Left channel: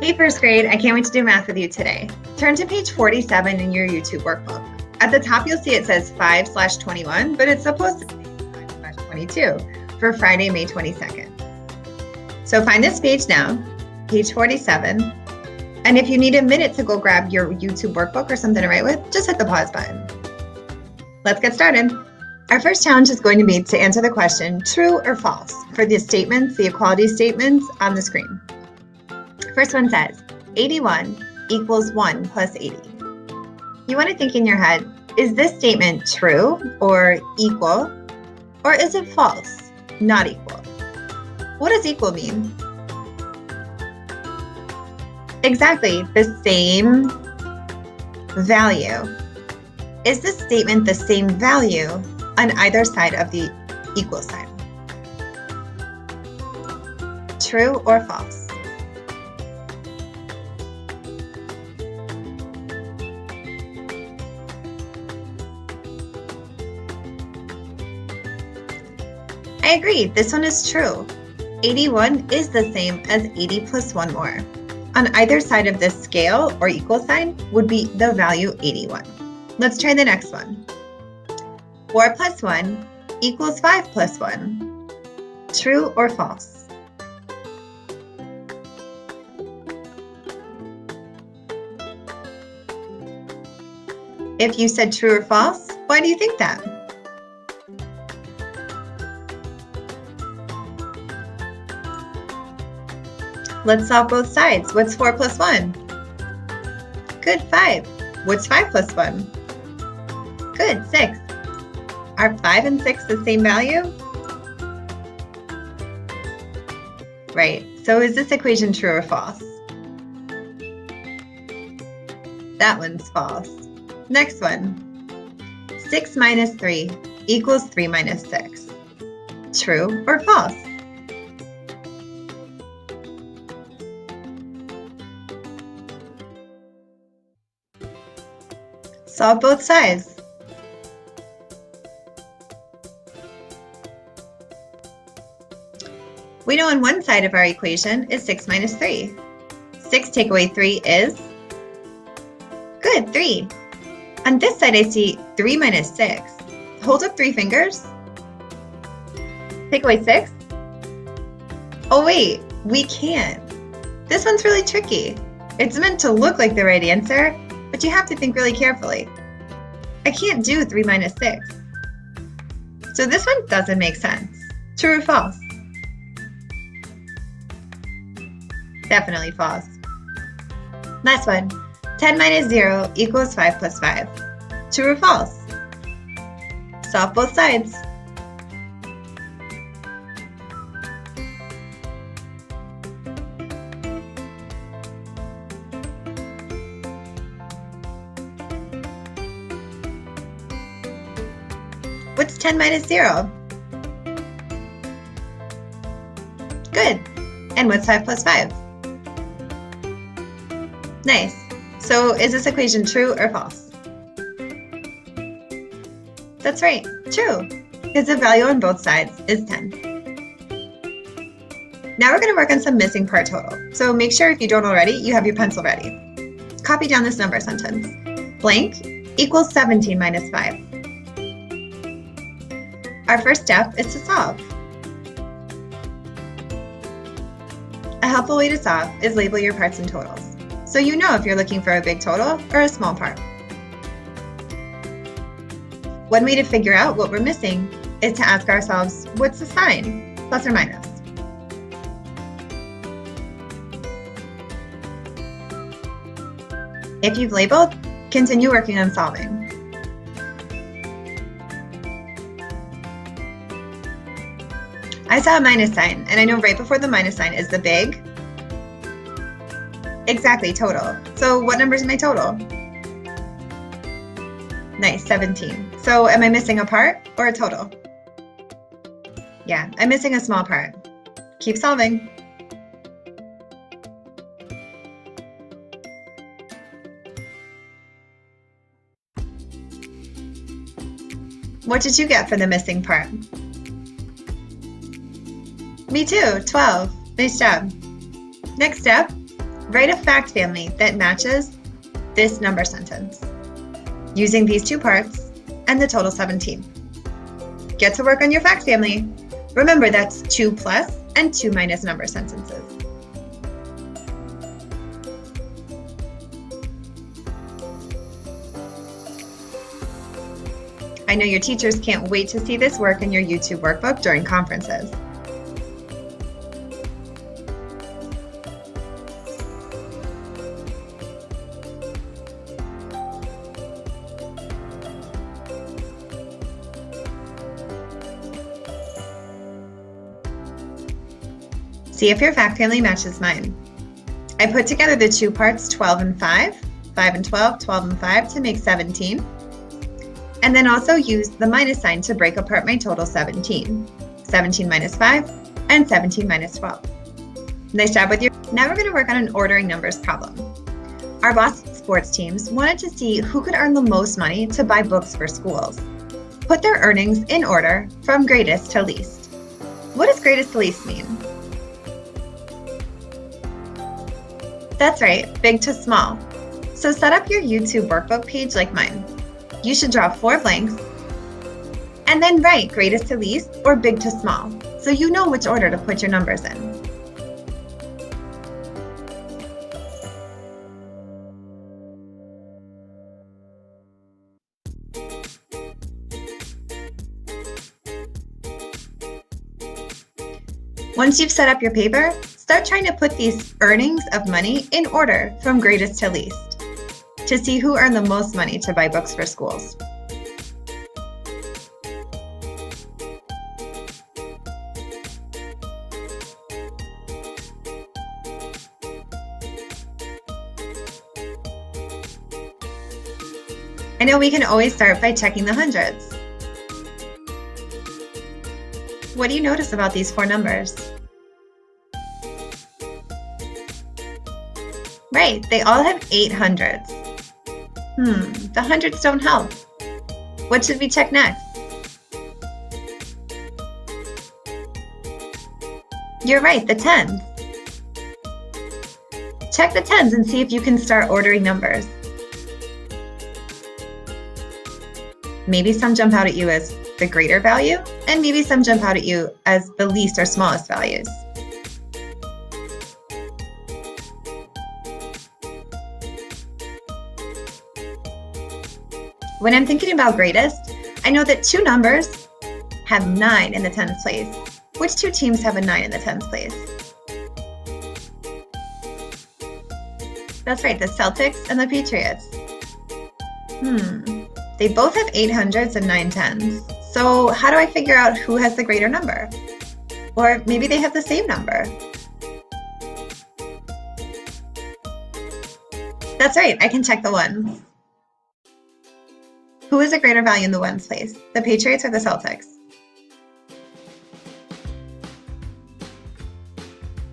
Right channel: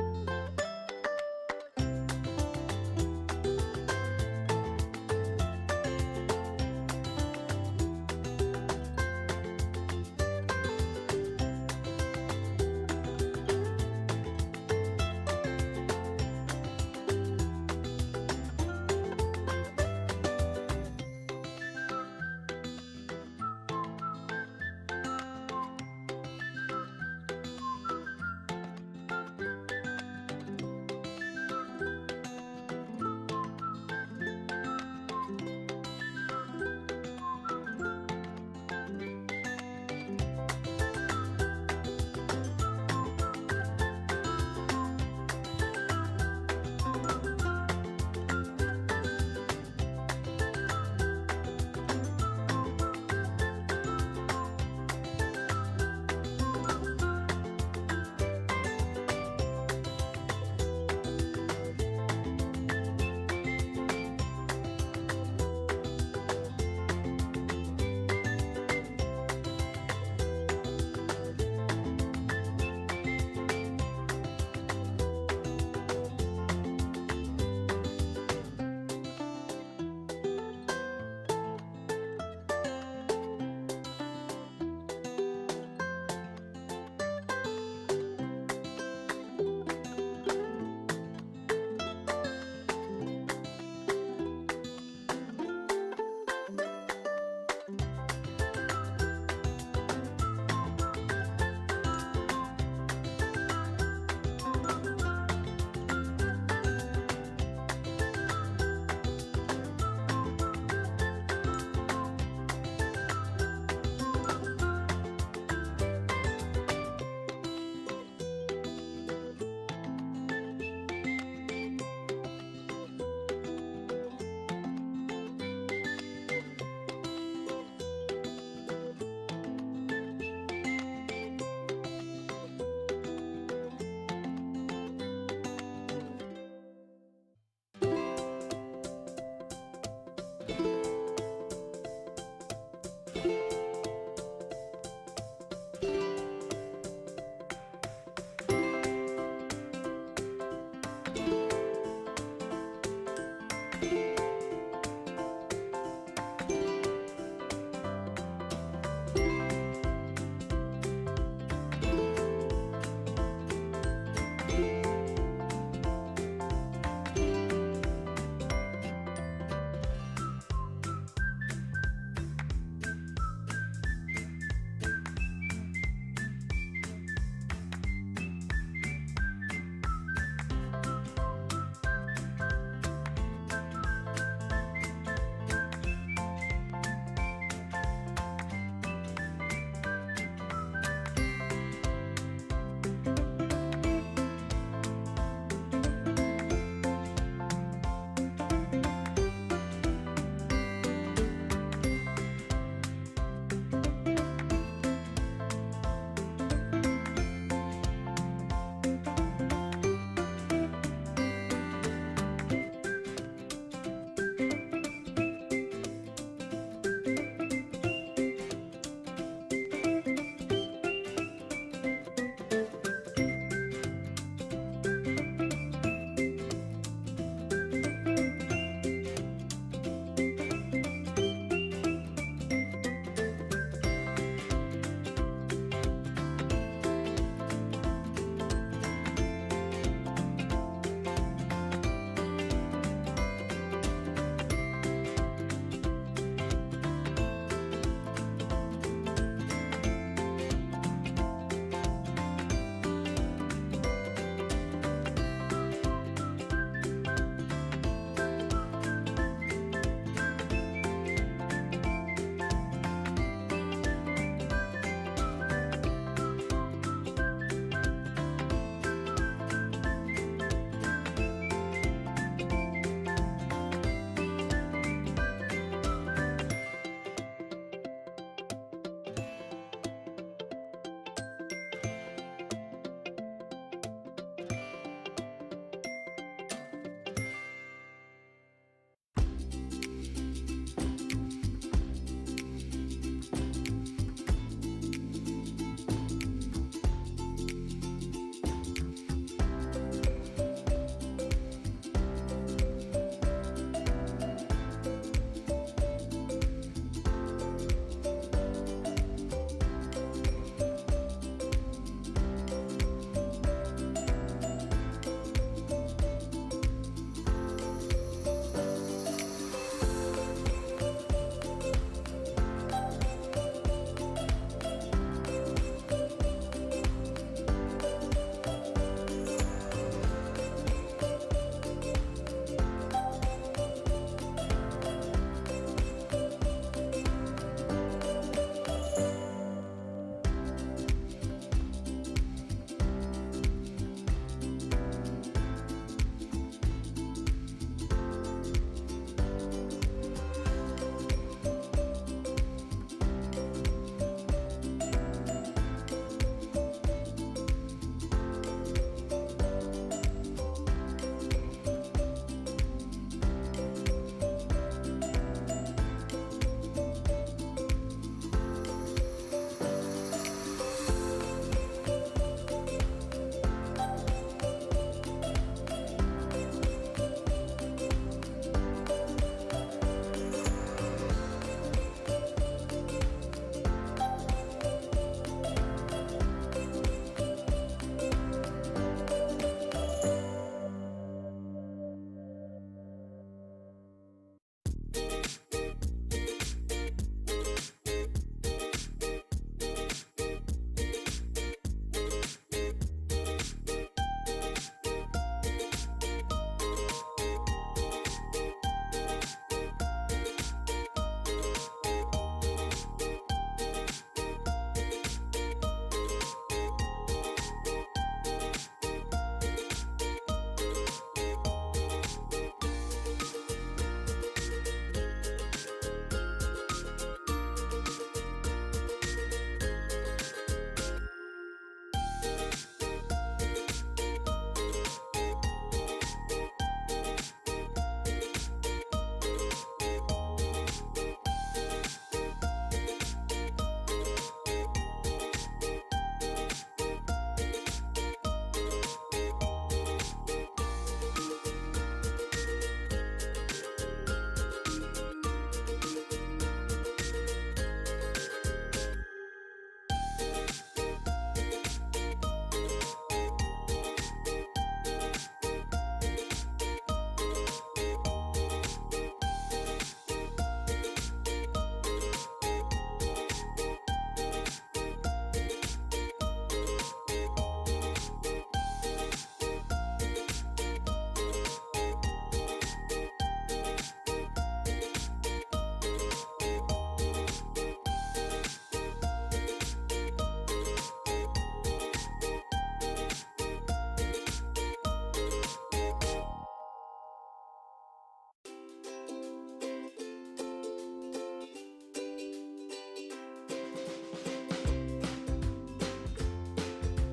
Hey first grade, I can't wait to do math with you today. Turn to page 47 in your YouTube workbook. At the top you'll see it says 5/21, but it's supposed to be 5/22 for Friday, May 22nd. So find this page now, page 47, and if you need a minute to go grab your YouTube workbook or something to write with, just hit the pause button. Let's get started. Our first challenge is going to be to answer the question, true or false, for the statements, the equality statements on the screen. First one says, 81 equals 1 plus 80. You want to think in your head, is this statement true or equal? Or is it false, not equal? What does equal mean? Exactly, the same value. Is this statement the same value on either side of the equal sign? True or false? I agree, this one is true. 81 is the same as 80 plus 1 more. On either side of this scale or equal sign would be the value 81. Let's try the next one. 4 plus 1 equals 5 plus 1. True or false? If you said true or false, why do you think that? Let's solve both sides. What's 4 plus 1? Good, 5. What's 5 plus 1? Good, 6. Are 5 and 6 the same value? Right, so is this equation true or false? That one's false. Next one. 6 minus 3 equals 3 minus 6. True or false? Solve both sides. We know on one side of our equation is 6 minus 3. 6 take away 3 is? Good, 3. On this side I see 3 minus 6. Hold up 3 fingers. Take away 6? Oh wait, we can't. This one's really tricky. It's meant to look like the right answer, but you have to think really carefully. I can't do 3 minus 6. So this one doesn't make sense. True or false? Definitely false. Last one. 10 minus 0 equals 5 plus 5. True or false? Solve both sides. What's 10 minus 0? Good. And what's 5 plus 5? Nice. So is this equation true or false? That's right, true, because the value on both sides is 10. Now we're going to work on some missing part total. So make sure if you don't already, you have your pencil ready. Copy down this number sentence. Blank equals 17 minus 5. Our first step is to solve. A helpful way to solve is label your parts and totals, so you know if you're looking for a big total or a small part. One way to figure out what we're missing is to ask ourselves, what's the sign, plus or minus? If you've labeled, continue working on solving. I saw a minus sign, and I know right before the minus sign is the big. Exactly, total. So what number is my total? Nice, 17. So am I missing a part or a total? Yeah, I'm missing a small part. Keep solving. What did you get for the missing part? Me too, 12. Nice job. Next step, Write a fact family that matches this number sentence using these two parts and the total 17. Get to work on your fact family. Remember, that's 2 plus and 2 minus number sentences. I know your teachers can't wait to see this work in your YouTube workbook during conferences. See if your fact family matches mine. I put together the two parts 12 and 5, 5 and 12, 12 and 5 to make 17. And then also used the minus sign to break apart my total 17. 17 minus 5 and 17 minus 12. Nice job with your. Now we're going to work on an ordering numbers problem. Our Boston sports teams wanted to see who could earn the most money to buy books for schools. Put their earnings in order from greatest to least. What does greatest to least mean? That's right, big to small. So set up your YouTube workbook page like mine. You should draw 4 blanks and then write greatest to least or big to small so you know which order to put your numbers in. Once you've set up your paper, start trying to put these earnings of money in order from greatest to least to see who earned the most money to buy books for schools. I know we can always start by checking the hundreds. What do you notice about these 4 numbers? Right, they all have 8 hundreds. The hundreds don't help. What should we check next? You're right, the tens. Check the tens and see if you can start ordering numbers. Maybe some jump out at you as the greater value, and maybe some jump out at you as the least or smallest values. When I'm thinking about greatest, I know that 2 numbers have 9 in the tens place. Which 2 teams have a 9 in the tens place? That's right, the Celtics and the Patriots. They both have 800s and 9 tens. So how do I figure out who has the greater number? Or maybe they have the same number. That's right, I can check the ones. Who is a greater value in the ones place? The Patriots or the Celtics?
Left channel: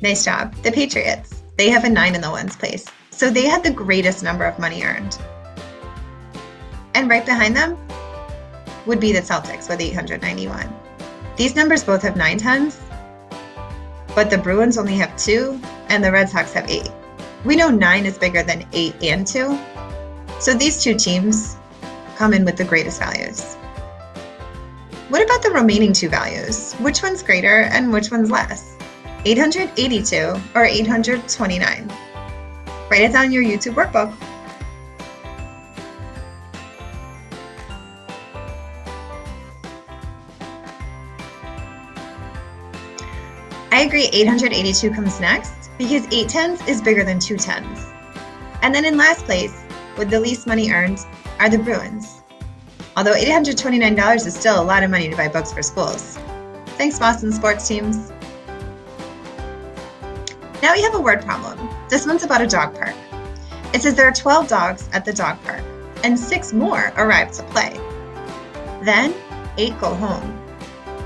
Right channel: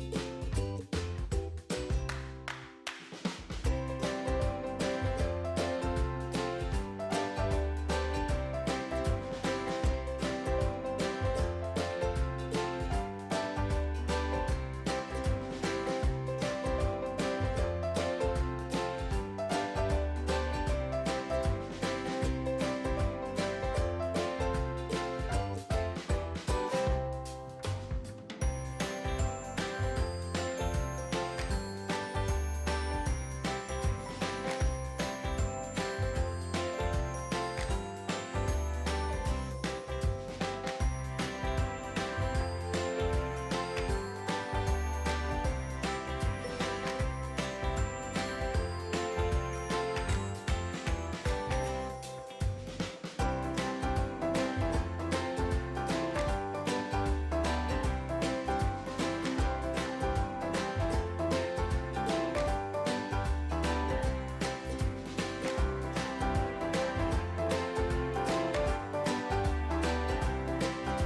Nice job. The Patriots. They have a 9 in the ones place. So they had the greatest number of money earned. And right behind them would be the Celtics with 891. These numbers both have 9 tens, but the Bruins only have 2 and the Red Sox have 8. We know 9 is bigger than 8 and 2. So these 2 teams come in with the greatest values. What about the remaining 2 values? Which one's greater and which one's less? 882 or 829? Write it down in your YouTube workbook. I agree 882 comes next because 8 tens is bigger than 2 tens. And then in last place, with the least money earned, are the Bruins. Although $829 is still a lot of money to buy books for schools. Thanks, Boston sports teams. Now we have a word problem. This one's about a dog park. It says there are 12 dogs at the dog park, and 6 more arrive to play. Then 8 go home.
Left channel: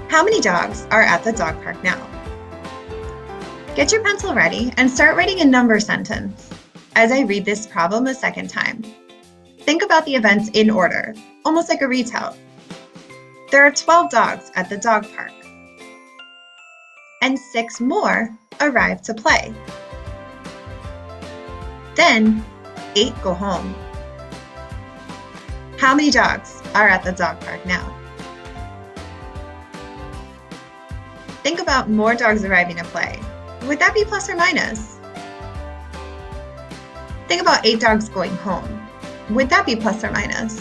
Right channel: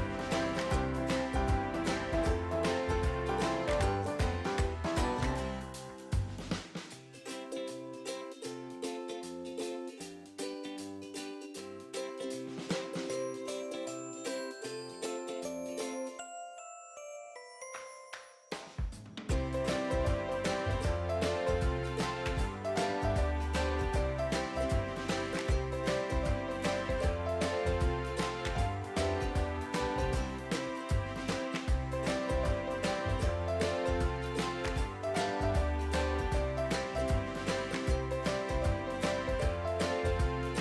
How many dogs are at the dog park now? Get your pencil ready and start writing a number sentence as I read this problem a second time. Think about the events in order, almost like a retell. There are 12 dogs at the dog park, and 6 more arrive to play. Then 8 go home. How many dogs are at the dog park now? Think about more dogs arriving to play. Would that be plus or minus? Think about 8 dogs going home. Would that be plus or minus?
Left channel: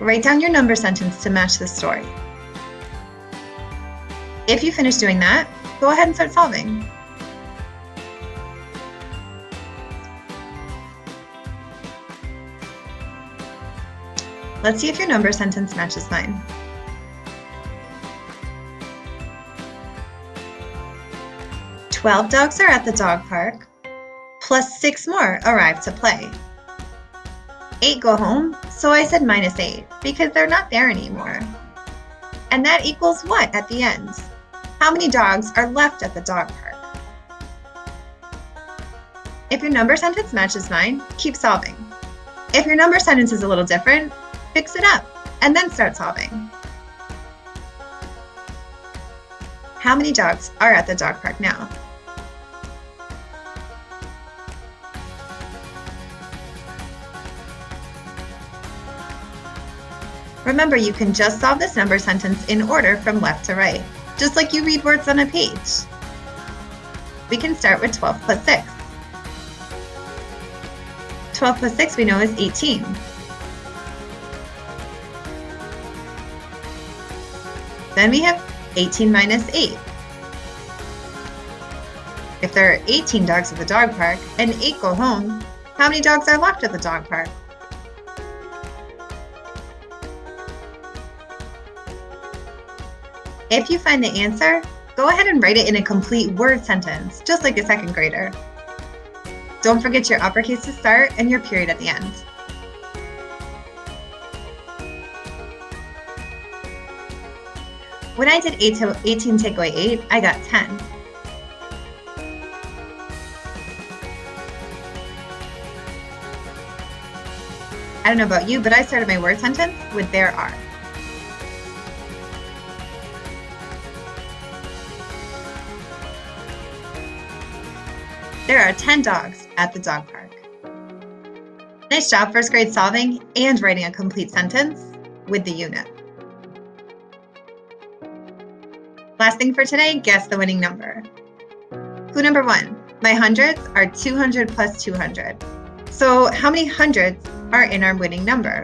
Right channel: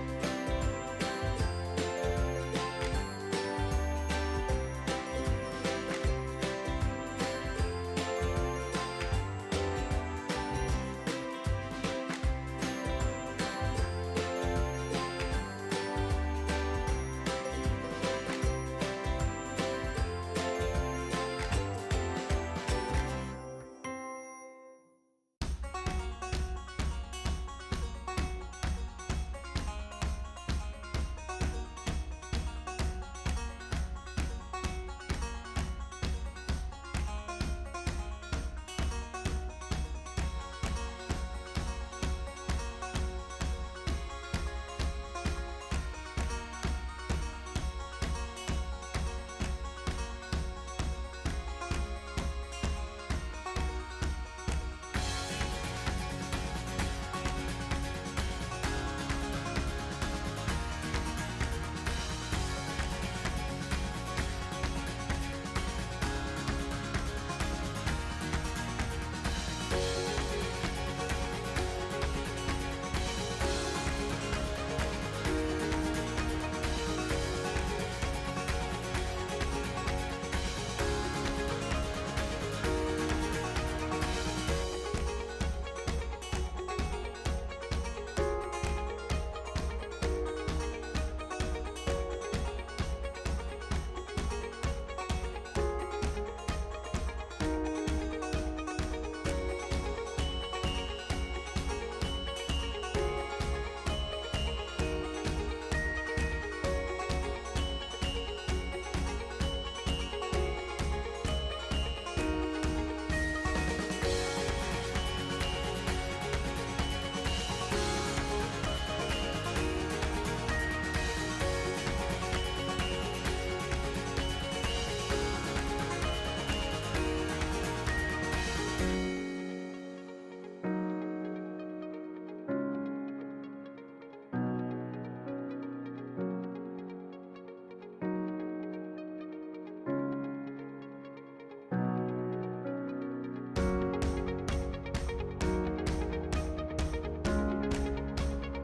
Write down your number sentence to match the story. If you finish doing that, go ahead and start solving. Let's see if your number sentence matches mine. "12 dogs are at the dog park, plus 6 more arrive to play. 8 go home, so I said minus 8 because they're not there anymore. And that equals what at the end? How many dogs are left at the dog park?" If your number sentence matches mine, keep solving. If your number sentence is a little different, fix it up and then start solving. How many dogs are at the dog park now? Remember, you can just solve this number sentence in order from left to right, just like you read words on a page. We can start with 12 plus 6. 12 plus 6 we know is 18. Then we have 18 minus 8. If there are 18 dogs at the dog park and 8 go home, how many dogs are left at the dog park? If you find the answer, go ahead and write it in a complete word sentence, just like a second grader. Don't forget your uppercase to start and your period at the end. When I did 18 take away 8, I got 10. I don't know about you, but I started my word sentence with "there are." There are 10 dogs at the dog park. Nice job, first grade solving and writing a complete sentence with the unit. Last thing for today, guess the winning number. Clue number 1, my hundreds are 200 plus 200. So how many hundreds are in our winning number?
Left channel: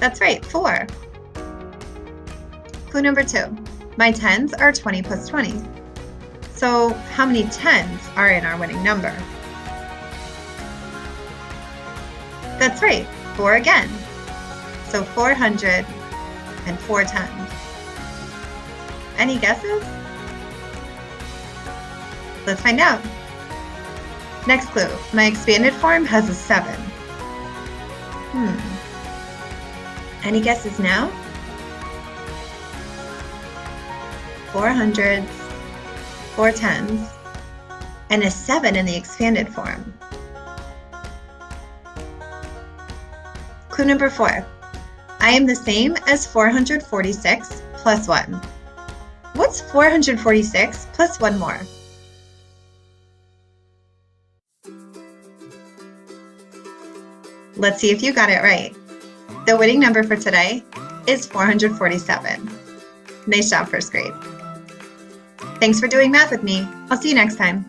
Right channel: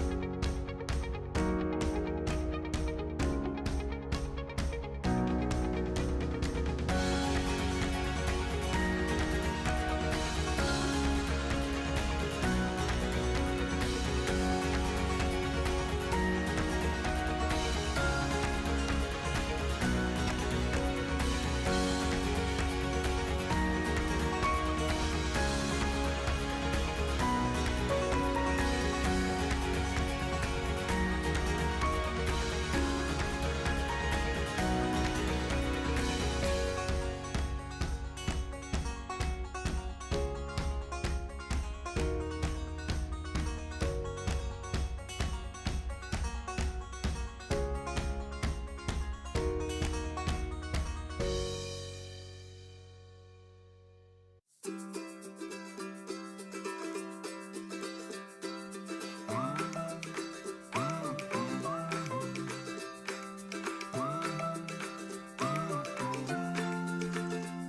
That's right, 4. Clue number 2, my tens are 20 plus 20. So how many tens are in our winning number? That's right, 4 again. So 400 and 4 tens. Any guesses? Let's find out. Next clue, my expanded form has a 7. Any guesses now? 4 hundreds, 4 tens, and a 7 in the expanded form. Clue number 4, I am the same as 446 plus 1. What's 446 plus 1 more? Let's see if you got it right. The winning number for today is 447. Nice job, first grade. Thanks for doing math with me. I'll see you next time.